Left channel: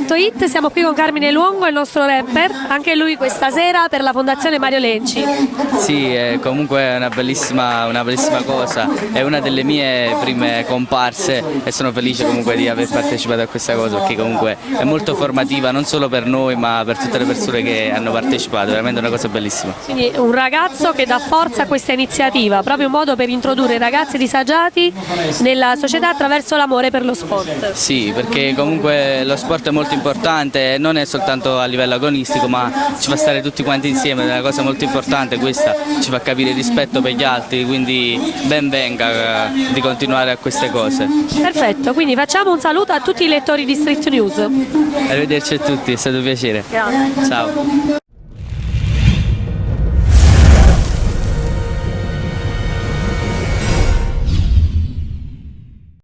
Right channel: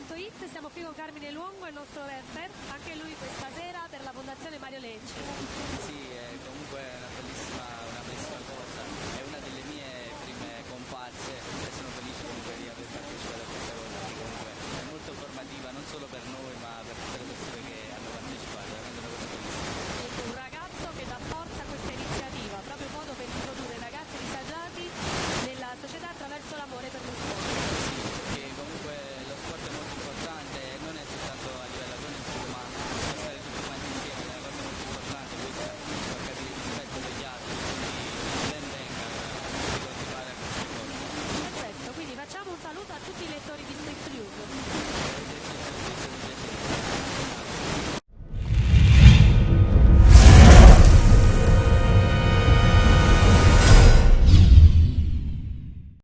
streetnews.it, siamo qui con Carmine Luongo, il nostro rapper, anche lui questa sera per la Fondazione Mario Lenci. Sì, comunque è una bellissima cosa, è una delle mie prime comparse e sono felice comunque di aver partecipato a questa cosa perché comunque è molto formativa non solo per noi ma per tutte le persone che hanno partecipato, veramente una cosa bellissima. Quindi un ragazzo che dà forza a questa iniziativa, proprio un modo per introdurre i ragazzi disagiati nella società attraverso l'amore per lo sport. Sì, perché comunque lo sport è molto importante, non è soltanto a livello agonistico ma ci fa stare tutti quanti insieme, è una cosa molto importante questa, ci fa capire il rispetto per gli altri, quindi ben venga di continuare a queste cose. Perfetto, quindi facciamo un saluto a tutti i lettori di Street News. Arrivederci a tutti, è stato un piacere. Grazie. Ciao.